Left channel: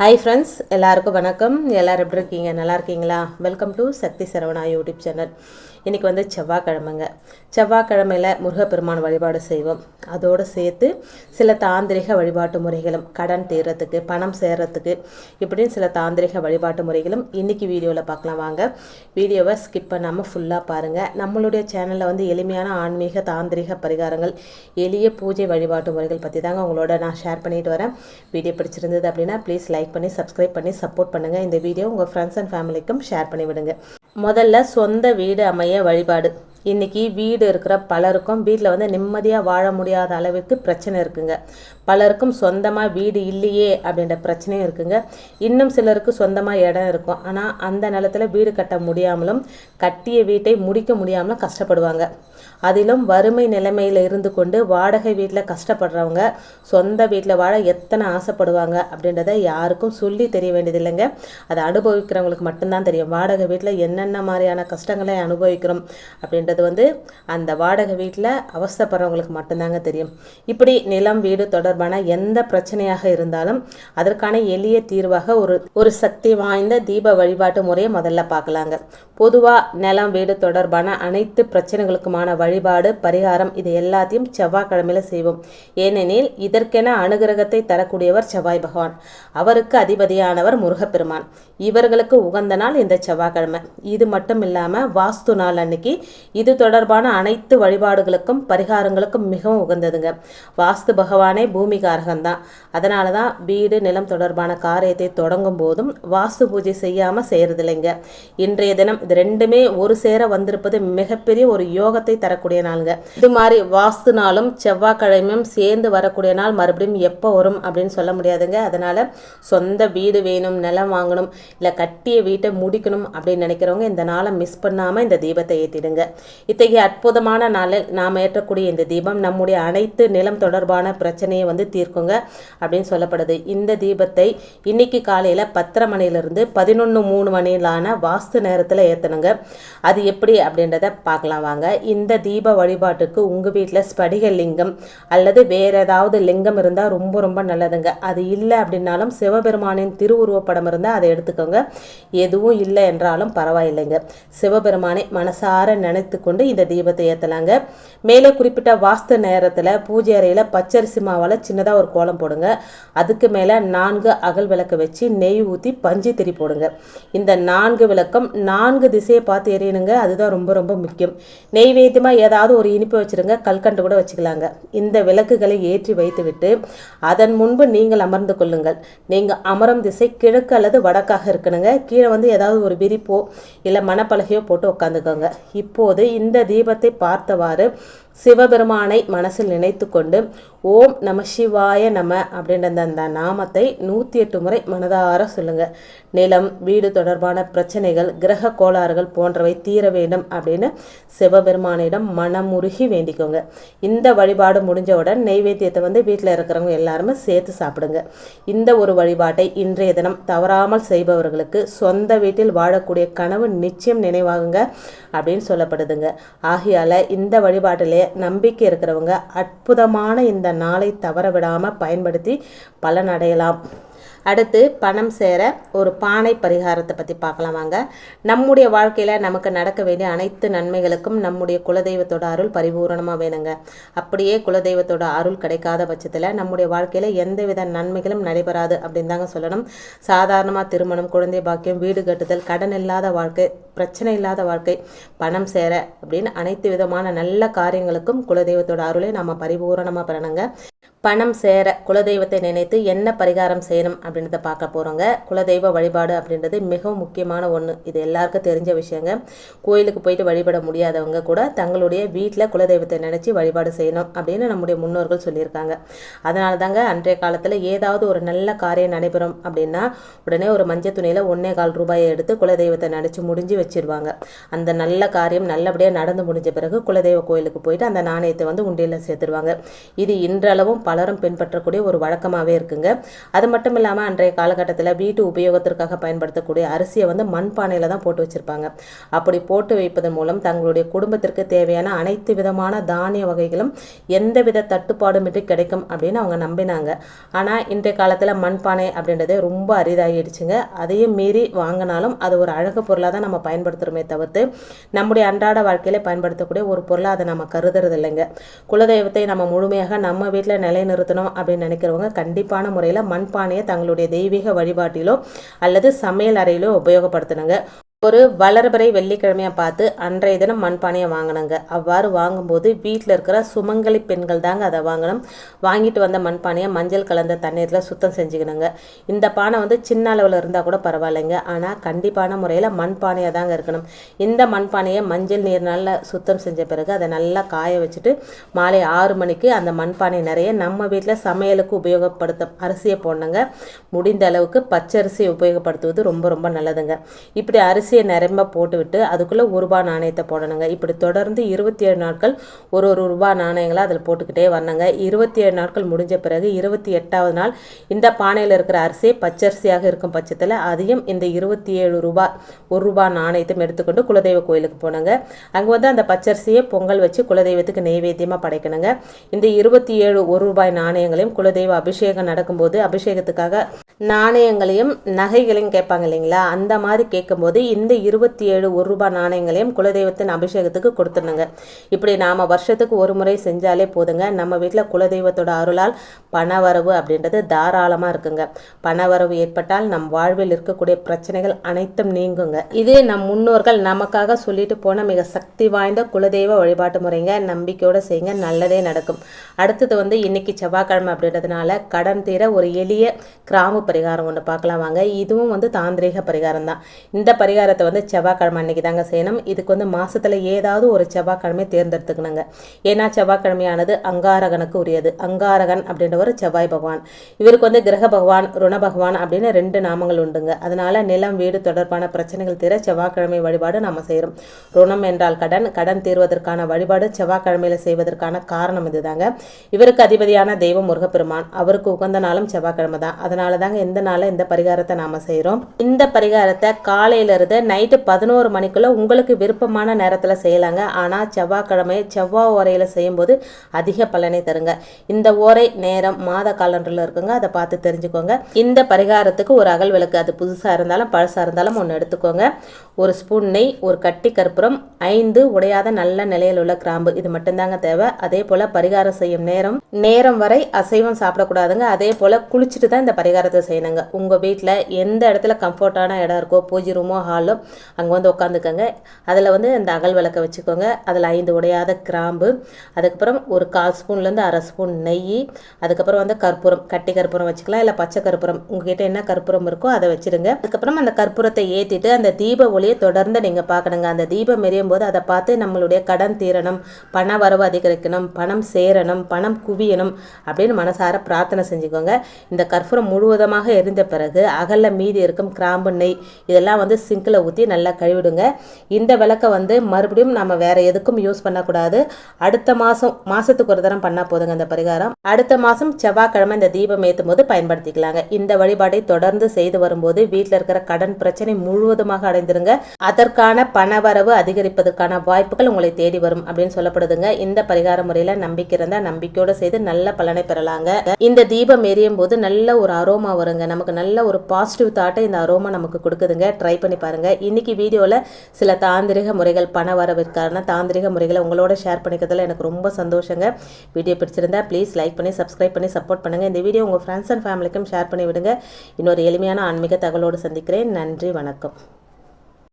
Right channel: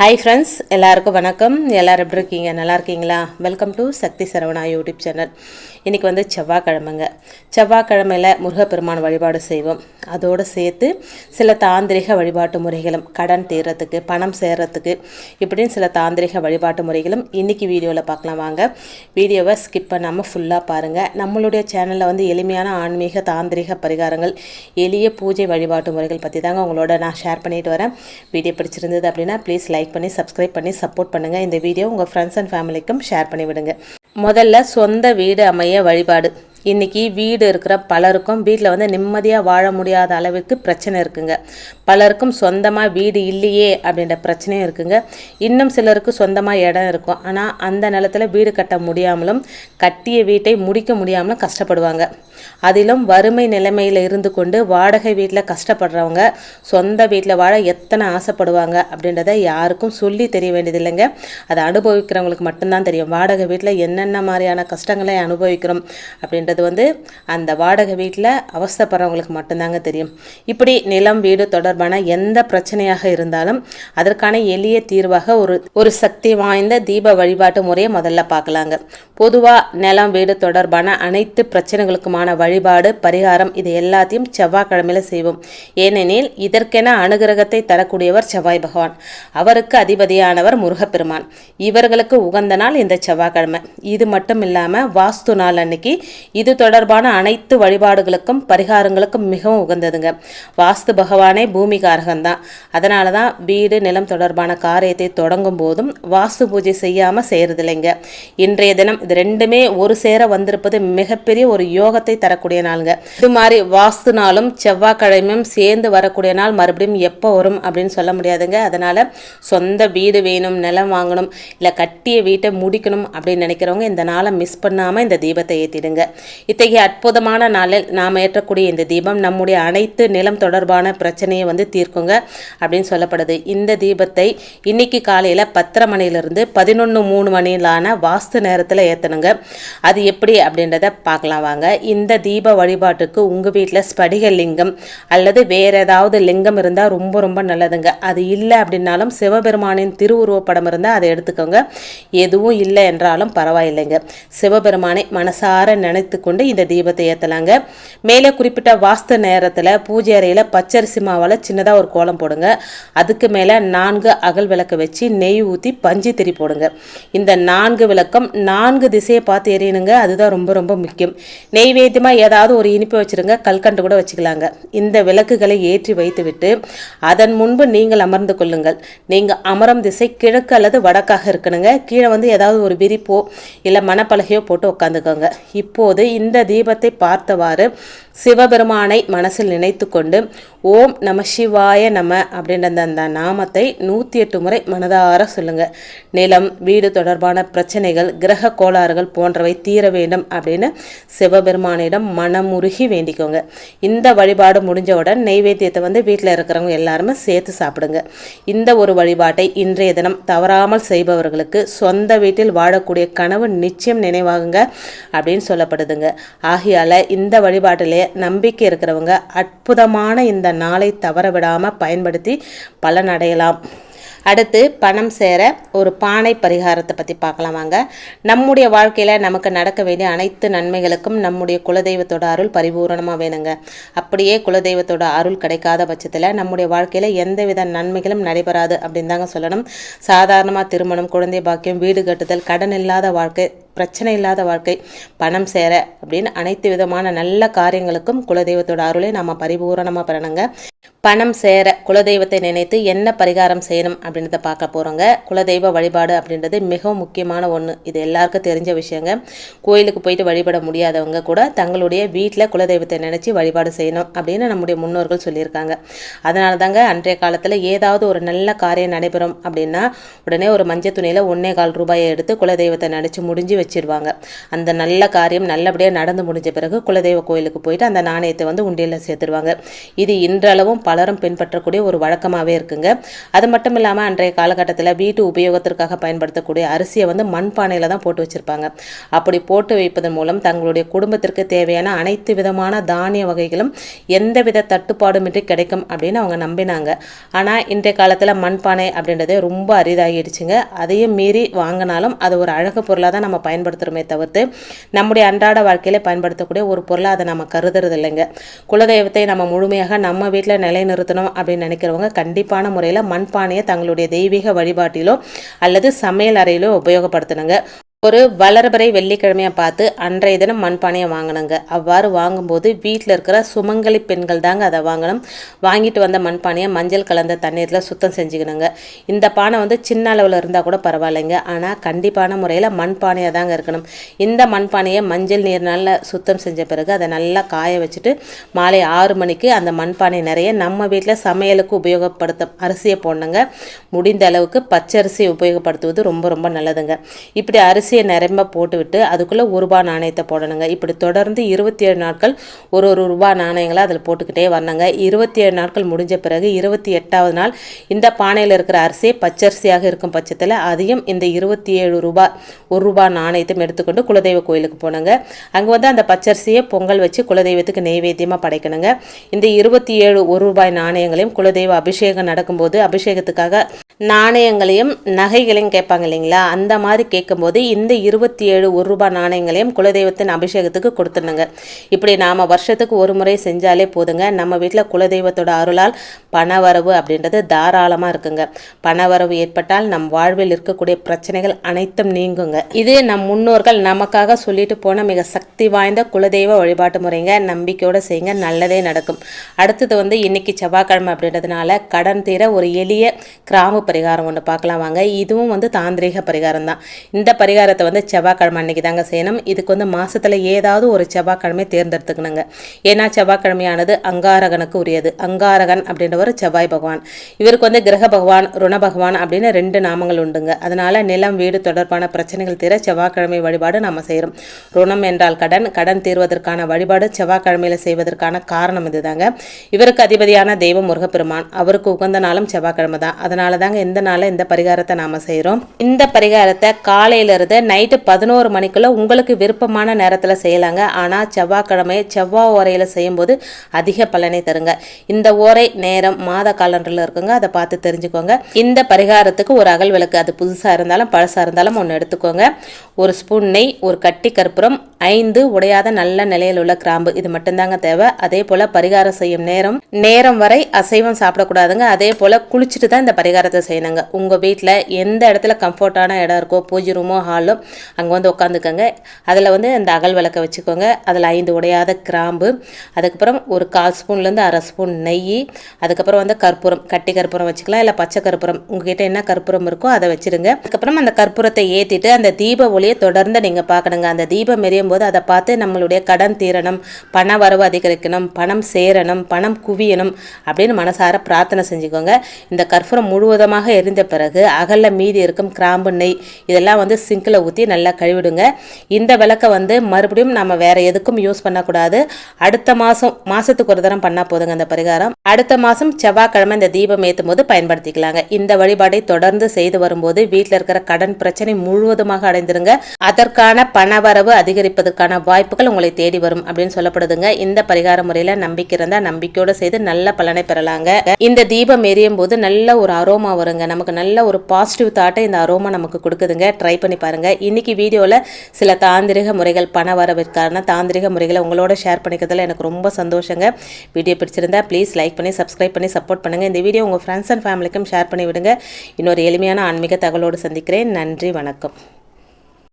Hi friends, எல்லாருக்கும் வணக்கம். எல்லோரும் எப்படி இருக்கீங்க? நல்லா இருக்கீங்களா? Welcome to Sakthi Saravana YouTube channel. இன்றைக்கி வந்து செவ்வாய்க்கிழமைங்க. செவ்வாய்க்கிழமையில் முருகப்பெருமான் வழிபாடு செய்வோம். அதோடு சேர்த்து சில தாந்திரிக வழிபாட்டு முறைகளும், கடன் தீர்றதுக்கு, பணம் சேர்றதுக்கு, இப்படின்னு சில தாந்திரிக வழிபாட்டு முறைகளும் இன்றைக்கி வீடியோவில் பார்க்கலாம். வாங்க, வீடியோவை ஸ்கிப் பண்ணாமல் ஃபுல்லாக பாருங்கள். நம்மளுடைய சேனலில் வந்து எளிமையான ஆன்மீக தாந்திரிக பரிகாரங்கள், எளிய பூஜை வழிபாட்டு முறைகள் பற்றி தாங்க உங்களோட நான் ஷேர் பண்ணிட்டு வரேன். வீடியோ பிடிச்சிருந்தது அப்படின்னா ப்ளீஸ் லைக் பண்ணி சப்ஸ்கிரைப் பண்ணி சப்போர்ட் பண்ணுங்கள். இந்த வீடியோ உங்கள் ஃப்ரெண்ட்ஸ் அண்ட் ஃபேமிலிக்கும் ஷேர் பண்ணி விடுங்க. முதல்ல சொந்த வீடு அமைய வழிபாடு. இன்றைக்கி வீடு இருக்கிற பலருக்கும் வீட்டில் வந்து நிம்மதியாக வாழ முடியாத அளவுக்கு பிரச்சனை இருக்குங்க. பலருக்கும் சொந்தமாக வீடு இல்லையே அப்படின்ற பிரச்சனையும் இருக்குங்க. இன்னும் சிலருக்கு சொந்தமாக இடம் இருக்கும், ஆனால் அந்த நிலத்தில் வீடு கட்ட முடியாமலும் கட்டிய வீட்டை முடிக்க முடியாமலும் கஷ்டப்படுவாங்க. அதிலும் வறுமை நிலைமையில் இருந்து கொண்டு வாடகை வீட்டில் கஷ்டப்படுறவங்க சொந்த வீட்டில் வாழ எத்தனை ஆசைப்படுவாங்க அப்படின்றத யாருக்கும் சொல்லி தெரிய வேண்டியதில்லைங்க. அதை அனுபவிக்கிறவங்களுக்கு மட்டும்தான் தெரியும். வாடகை வீட்டில் என்னென்ன மாதிரியான கஷ்டங்களை அனுபவிக்கிறோம் அப்படின்றது வந்து அந்த வாடகை வீட்டில் அவஸ்தைப்படுறவங்களுக்கு மட்டும்தாங்க தெரியும். இப்படி நிலம் வீடு தொடர்பான எந்த பிரச்சனையாக இருந்தாலும் அதற்கான எளிய தீர்வாக ஒரு சக்தி வாய்ந்த தீப வழிபாட்டு முறையை முதல்ல பார்க்கலாங்க. பொதுவாக நிலம் வீடு தொடர்பான அனைத்து பிரச்சனைகளுக்குமான வழிபாடு பரிகாரம் இது எல்லாத்தையும் செவ்வாய்க்கிழமையில செய்வோம். ஏனெனில் இதற்கென அனுகிரகத்தை தரக்கூடியவர் செவ்வாய் பகவான். அவருக்கு அதிபதியானவர் முருகப்பெருமான். இவர்களுக்கு உகந்த நாள் இந்த செவ்வாய்க்கிழமை. இது மட்டும் இல்லாமல் வாஸ்து நாள் அன்னைக்கு இது தொடர்பான அனைத்து வழிபாடுகளுக்கும் பரிகாரங்களுக்கும் மிகவும் உகந்ததுங்க. வாஸ்து பகவானே பூமிகாரகம்தான். அதனால தான் வீடு நிலம் தொடர்பான காரியத்தை தொடங்கும் போதும் வாஸ்து பூஜை செய்யாமல் செய்யறதில்லைங்க. இன்றைய தினம் இது ரெண்டுமே ஒரு சேர வந்திருப்பது மிகப்பெரிய ஒரு யோகத்தை தரக்கூடிய நாளுங்க. இது மாதிரி வாஸ்து நாளும் செவ்வாய்க்கிழமையும் சேர்ந்து வரக்கூடிய நாள் மறுபடியும் எப்போ வரும் அப்படின்னு சொல்ல முடியாதுங்க. அதனால சொந்த வீடு வேணும், நிலம் வாங்கணும், இல்லை கட்டிய வீட்டை முடிக்கணும் அப்படின்னு நினைக்கிறவங்க இந்த நாளை மிஸ் பண்ணாமல் இந்த தீபத்தை ஏற்றிடுங்க. இத்தகைய அற்புதமான நாளில் நாம் ஏற்றக்கூடிய இந்த தீபம் நம்முடைய அனைத்து நிலம் தொடர்பான பிரச்சனையை வந்து தீர்க்குங்க அப்படின்னு சொல்லப்படுது. இந்த தீபத்தை இன்னைக்கு காலையில் 10:30 மணிலிருந்து 11:03 மணிலான வாஸ்து நேரத்தில் ஏற்றணுங்க. அது எப்படி அப்படின்றத பார்க்கலாம் வாங்க. இந்த தீப வழிபாட்டுக்கு உங்கள் வீட்டில் ஸ்படிக லிங்கம் அல்லது வேறு ஏதாவது லிங்கம் இருந்தால் ரொம்ப ரொம்ப நல்லதுங்க. அது இல்லை அப்படின்னாலும் சிவபெருமானின் திருவுருவப்படம் இருந்தால் அதை எடுத்துக்கோங்க. எதுவும் இல்லை என்றாலும் பரவாயில்லைங்க. சிவபெருமானை மனசார நினைத்து கொண்டு இந்த தீபத்தை ஏற்றலாங்க. மேலே குறிப்பிட்ட வாஸ்து நேரத்தில் பூஜை அறையில் பச்சரிசி மாவால் சின்னதாக ஒரு கோலம் போடுங்க. அதுக்கு மேலே 4 அகல் விளக்கு வச்சு நெய் ஊற்றி பஞ்சு திரி போடுங்க. இந்த 4 விளக்கம் 4 திசையை பார்த்து எரியணுங்க. அதுதான் ரொம்ப ரொம்ப முக்கியம். நெய்வேத்தியமாக ஏதாவது ஒரு இனிப்பு வச்சுருங்க, கல்கண்டு கூட வச்சுக்கலாங்க. இந்த விளக்குகளை ஏற்றி வைத்துவிட்டு அதன் முன்பு நீங்கள் அமர்ந்து கொள்ளுங்கள். நீங்கள் அமரும் திசை கிழக்கு அல்லது வடக்காக இருக்கணுங்க. கீழே வந்து ஏதாவது ஒரு விரிப்போ இல்லை மணப்பலகையோ போட்டு உட்காந்துக்கோங்க. இப்போது இந்த தீபத்தை பார்த்தவாறு சிவபெருமானை மனசில் நினைத்து கொண்டு ஓம் நம சிவாய நம அப்படின்ற அந்த நாமத்தை 108 முறை மனதார சொல்லுங்க. நிலம் வீடு தொடர்பான பிரச்சனைகள், கிரக கோளாறுகள் போன்றவை தீர வேண்டும் அப்படின்னு சிவபெருமானிடம் மனமுருகி வேண்டிக்கோங்க. இந்த வழிபாடு முடிஞ்சவுடன் நெய்வேத்தியத்தை வந்து வீட்டில் இருக்கிறவங்க எல்லாருமே சேர்த்து சாப்பிடுங்க. இந்த ஒரு வழிபாட்டை இன்றைய தினம் தவறாமல் செய்பவர்களுக்கு சொந்த வீட்டில் வாழக்கூடிய கனவு நிச்சயம் நினைவாகுங்க அப்படின்னு சொல்லப்படுதுங்க. ஆகையால் இந்த வழிபாட்டிலே நம்பிக்கை இருக்கிறவங்க அற்புதமான இந்த நாளை தவற விடாமல் பயன்படுத்தி பலனடையலாம். அடுத்து பணம் சேர ஒரு பானை பரிகாரத்தை பற்றி பார்க்கலாம் வாங்க. நம்முடைய வாழ்க்கையில் நமக்கு நடக்க வேண்டிய அனைத்து நன்மைகளுக்கும் நம்முடைய குலதெய்வத்தோட அருள் பரிபூரணமாக வேணுங்க. அப்படியே குலதெய்வத்தோட அருள் கிடைக்காத பட்சத்தில் நம்முடைய வாழ்க்கையில் எந்தவித நன்மைகளும் நடைபெறாது அப்படின்னு தாங்க சொல்லணும். சாதாரணமாக திருமணம், குழந்தை பாக்கியம், வீடு கட்டுதல், கடன் இல்லாத வாழ்க்கை, பிரச்சனை இல்லாத வாழ்க்கை, பணம் சேர அப்படின்னு அனைத்து விதமான நல்ல காரியங்களுக்கும் குலதெய்வத்தோட அருளை நம்ம பரிபூரணமாக பெறணுங்க. பணம் சேர குலதெய்வத்தை நினைத்து என்ன பரிகாரம் செய்யணும் அப்படின்றத பார்க்க போகிறோங்க. குலதெய்வ வழிபாடு அப்படின்றது மிகவும் முக்கியமான ஒன்று. இது எல்லாருக்கும் தெரிஞ்ச விஷயங்க. கோயிலுக்கு போயிட்டு வழிபட முடியாதவங்க கூட தங்களுடைய வீட்டில் குலதெய்வத்தை நினச்சி வழிபாடு செய்யணும் அப்படின்னு நம்முடைய முன்னோர்கள் சொல்லியிருக்காங்க. அதனால தாங்க அன்றைய காலத்தில் ஏதாவது ஒரு நல்ல காரியம் நடைபெறும் அப்படின்னா உடனே ஒரு மஞ்சள் துணியில் 1.25 ரூபாயை எடுத்து குலதெய்வத்தை நினச்சி முடிஞ்சு வச்சிருவாங்க. அந்த நல்ல காரியம் நல்லபடியாக நடந்து முடிஞ்ச பிறகு குலதெய்வ கோயிலுக்கு போயிட்டு அந்த நாணயத்தை வந்து உண்டியலில் சேர்த்துருவாங்க. இது இன்றளவும் பலரும் பின்பற்றக்கூடிய ஒரு வழக்கமாகவே இருக்குங்க. அது மட்டும் இல்லாமல் அன்றைய காலகட்டத்தில் வீட்டு உபயோகத்திற்காக பயன்படுத்தக்கூடிய அரிசியை வந்து மண்பானையில் தான் போட்டு வச்சுருப்பாங்க. அப்படி போட்டு வைப்பதன் மூலம் தங்களுடைய குடும்பத்திற்கு தேவையான அனைத்து விதமான தானிய வகைகளும் எந்தவித தட்டுப்பாடுமின்றி கிடைக்கும் அப்படின்னு அவங்க நம்பினாங்க. ஆனால் இன்றைய காலத்தில் மண்பானை அப்படின்றதே ரொம்ப அரிதாகிடுச்சுங்க. அதையும் மீறி வாங்கினாலும் அது ஒரு அழகு பொருளாக தான் நம்ம பயன்படுத்துகிறோமே தவிர்த்து நம்முடைய அன்றாட வாழ்க்கையில் பயன்படுத்தக்கூடிய ஒரு பொருளாக அதை நம்ம கருதுறது இல்லைங்க. குலதெய்வத்தை நம்ம முழுமையாக நம்ம வீட்டில் நிலைநிறுத்தணும் அப்படின்னு நினைக்கிறவங்க கண்டிப்பான முறையில் மண்பானையை தங்களுடைய தெய்வீக வழிபாட்டிலோ அல்லது சமையல் அறையிலோ உபயோகப்படுத்தணுங்க. ஒரு வளர்பிறை வெள்ளிக்கிழமையாக பார்த்து அன்றைய தினம் மண்பானையை வாங்கினங்க. அவ்வாறு வாங்கும்போது வீட்டில் இருக்கிற சுமங்கலி பெண்கள் தாங்க அதை வாங்கணும். வாங்கிட்டு வந்த மண்பானையை மஞ்சள் கலந்த தண்ணீரில் சுத்தம் செஞ்சுக்கணுங்க. இந்த பானை வந்து சின்ன அளவில் இருந்தால் கூட பரவாயில்லைங்க. ஆனால் கண்டிப்பான முறையில் மண்பானையாக தாங்க இருக்கணும். இந்த மண்பானையை மஞ்சள் நீர்னால் சுத்தம் செஞ்ச பிறகு அதை நல்லா காய வச்சுட்டு மாலை 6 மணிக்கு அந்த மண்பானை நிறைய நம்ம வீட்டில் சமையலுக்கு உபயோகப்படுத்த அரிசியை போடணுங்க. முடிந்த அளவுக்கு பச்சரிசி உபயோகப்படுத்துவது ரொம்ப ரொம்ப நல்லதுங்க. இப்படி அரிசியை நிரம்ப போட்டுவிட்டு அதுக்குள்ளே ₹1 நாணயத்தை போடணுங்க. இப்படி தொடர்ந்து 27 நாட்கள் ஒரு ரூபாய் நாணயங்களை அதில் போட்டுக்கிட்டே வரணுங்க. 27 நாட்கள் முடிஞ்ச பிறகு 28வது நாள் இந்த பானையில் இருக்கிற அரிசி பச்சரிசியாக இருக்கும் பட்சத்தில் அதையும் இந்த ₹27 நாணயத்தையும் எடுத்துக்கொண்டு குலதெய்வ கோயிலுக்கு போனாங்க. அங்கே வந்து அந்த பச்சரிசியை பொங்கல் வச்சு குலதெய்வத்துக்கு நெய்வேத்தியமாக படைக்கணுங்க. இந்த 27 ₹1 நாணயங்களையும் குலதெய்வ அபிஷேகம் நடக்கும்போது அபிஷேகத்துக்காக நாணயங்களையும் நகைகளையும் கேட்பாங்க இல்லைங்களா, அந்த மாதிரி கேட்கும்போது இந்த 27 ₹1 நாணயங்களையும் குலதெய்வத்தின் அபிஷேகத்துக்கு கொடுத்துடணுங்க. இப்படி நாம் வருஷத்துக்கு ஒரு முறை செஞ்சாலே போதுங்க. நம்ம வீட்டில் குலதெய்வத்தோட அருளால் பணவரவு அப்படின்றது தாராளமாக இருக்குங்க. பணவரவு ஏற்பட்டால் நம் வாழ்வில் இருக்கக்கூடிய பிரச்சனைகள் அனைத்தும் நீங்குங்க. இது நம் முன்னோர்கள் நமக்காக சொல்லிட்டு போன மிக சக்தி வாய்ந்த குலதெய்வ வழிபாட்டு முறைங்க. நம்பிக்கையோடு செய்யுங்க, நல்லதே நடக்கும். அடுத்தது வந்து இன்னைக்கு செவ்வாய்க்கிழமை அப்படின்றதுனால கடன் தீர ஒரு எளிய கிராம பரிகாரம் ஒன்று பார்க்கலாம் வாங்க. இதுவும் வந்து தாந்திரிக பரிகாரம் தான். இந்த பரிகாரத்தை வந்து செவ்வாய்க்கிழமை அன்னைக்கு தாங்க செய்யணும். இதுக்கு வந்து மாசத்துல ஏதாவது ஒரு செவ்வாய்க்கிழமை தேர்ந்தெடுத்துக்கணுங்க. ஏன்னா செவ்வாய்க்கிழமையானது அங்காரகனுக்கு உரியது. அங்காரகன் அப்படின்றவர் செவ்வாய் பகவான். இவருக்கு வந்து கிரக பகவான், ருண பகவான் அப்படின்னு 2 நாமங்கள் உண்டுங்க. அதனால நிலம் வீடு தொடர்பான பிரச்சனைகள் தீர செவ்வாய்க்கிழமை வழிபாடு நம்ம செய்கிறோம். ருணம் என்றால் கடன், கடன் தீர்வதற்கான வழிபாடு செவ்வாய்க்கிழமையில செய்வதற்கான காரணம் இதுதாங்க. இவருக்கு அதிபதியான தெய்வம் முருகப்பெருமான், அவருக்கு உகந்த நாளும் செவ்வாய்க்கிழமை தான். அதனால தாங்க இந்த நாளில் இந்த பரிகாரத்தை நாம செய்கிறோம். இந்த பரிகாரத்தை காலையிலிருந்து நைட்டு 11 மணிக்குள்ள உங்களுக்கு விருப்பமான நேரத்தில் செய்யலாங்க. ஆனால் செவ்வாய்க்கிழமை செவ்வாய் ஓரையில் செய்யும்போது அதிக பலனை தருங்க. இந்த ஓரை நேரம் மாத காலண்டரில் இருக்குங்க, அதை பார்த்து தெரிஞ்சுக்கோங்க. இந்த பரிகாரத்துக்கு ஒரு அகல் விளக்கு, அது புதுசாக இருந்தாலும் பழசாக இருந்தாலும் ஒன்று எடுத்துக்கோங்க. 1 ஸ்பூன் நெய், ஒரு கட்டி கற்பூரம், 5 உடையாத நல்ல நிலையில் உள்ள கிராம்பு, இது மட்டும்தாங்க தேவை. அதே போல் பரிகாரம் செய்யும் நேரம் வரை அசைவம் சாப்பிடக்கூடாதுங்க. அதே போல் குளிச்சுட்டு தான் இந்த பரிகாரத்தை செய்யணுங்க. உங்கள் வீட்டில் எந்த இடத்துல கம்ஃபர்டான இடம் இருக்கோ, பூஜை ரூமோ ஹாலோ, அங்கே வந்து உட்காந்துக்கோங்க. அதில் வந்து இந்த அகல் விளக்கை வச்சுக்கோங்க. அதில் 5 உடையாத கிராம்பு, அதுக்கப்புறம் ஒரு 1/4 ஸ்பூன்லேருந்து 1/2 ஸ்பூன் நெய், அதுக்கப்புறம் வந்து கற்பூரம், கட்டி கற்பூரம் வச்சுக்கலாம், இல்லை பச்சை கற்பூரம், உங்ககிட்ட என்ன கற்பூரம் இருக்கோ அதை வச்சுருங்க. அதுக்கப்புறம் அந்த கற்பூரத்தை ஏற்றிட்டு அந்த தீப ஒளியை தொடர்ந்து நீங்கள் பார்க்கணுங்க. அந்த தீபம் எரியும் போது அதை பார்த்து நம்மளுடைய கடன் தீரணும், பண வரவு அதிகரிக்கணும், பணம் சேரணும், பணம் குவியணும் அப்படின்னு மனசார பிரார்த்தனை செஞ்சுக்கோங்க. இந்த கற்பூரம் முழுவதுமாக எரிந்த பிறகு அகலில் மீதி இருக்கும் கிராம்பு, நெய் இதெல்லாம் வந்து சிங்கில் ஊற்றி நல்லா கழுவிடுங்க. இந்த விளக்கை வந்து மறுபடியும் நம்ம வேற எதுக்கும் யூஸ் பண்ணக்கூடாது. அடுத்த மாதத்துக்கு ஒரு தரம் பண்ணால் போதுங்க அந்த பரிகாரம். அடுத்த மாதம் செவ்வாய்க்கிழமை இந்த தீபம் ஏற்றும் போது பயன்படுத்திக்கலாங்க. இந்த வழிபாடை தொடர்ந்து செய்து வரும்போது வீட்டில் இருக்கிற கடன் பிரச்சனை முழுவதுமாக அடைந்துருங்க. அதற்கான பணவரவு அதிகரிப்பதற்கான வாய்ப்புகள் உங்களை தேடி வரும் அப்படின்னு சொல்லப்படுதுங்க. இந்த பரிகார முறையில் நம்பிக்கை இருந்தால் நம்பிக்கையோடு செய்து நல்ல பலனை பெறலாங்க. இந்த தீபம் எரியும் போது நல்ல ஒரு அரோமா வருங்க. நமக்கு நல்ல ஒரு பாசிட்டிவ் தாட்டை இந்த அரோமா நமக்கு கொடுக்குதுங்க. ட்ரை பண்ணி பாருங்க. இன்னைக்கு வீடியோவில் சில தாந்திரிக முறைகள், பண வரவிற்கான தாந்திரிக முறைகளை உங்களோட ஷேர் பண்ணிக்கிறதுல எனக்கு ரொம்ப சந்தோஷங்க. வீடியோ பிடிச்சிருந்தா ப்ளீஸ் லைக் பண்ணி சப்ஸ்கிரைப் பண்ணி சப்போர்ட் பண்ணுங்க. இந்த வீடியோ உங்கள் ஃப்ரெண்ட்ஸ் அண்ட் ஃபேமிலிக்கும் ஷேர் பண்ணி விடுங்க. இன்னொரு எளிமையான ஆன்மீக தகவலோடு சந்திக்கிறேன். நன்றி, வணக்கம்.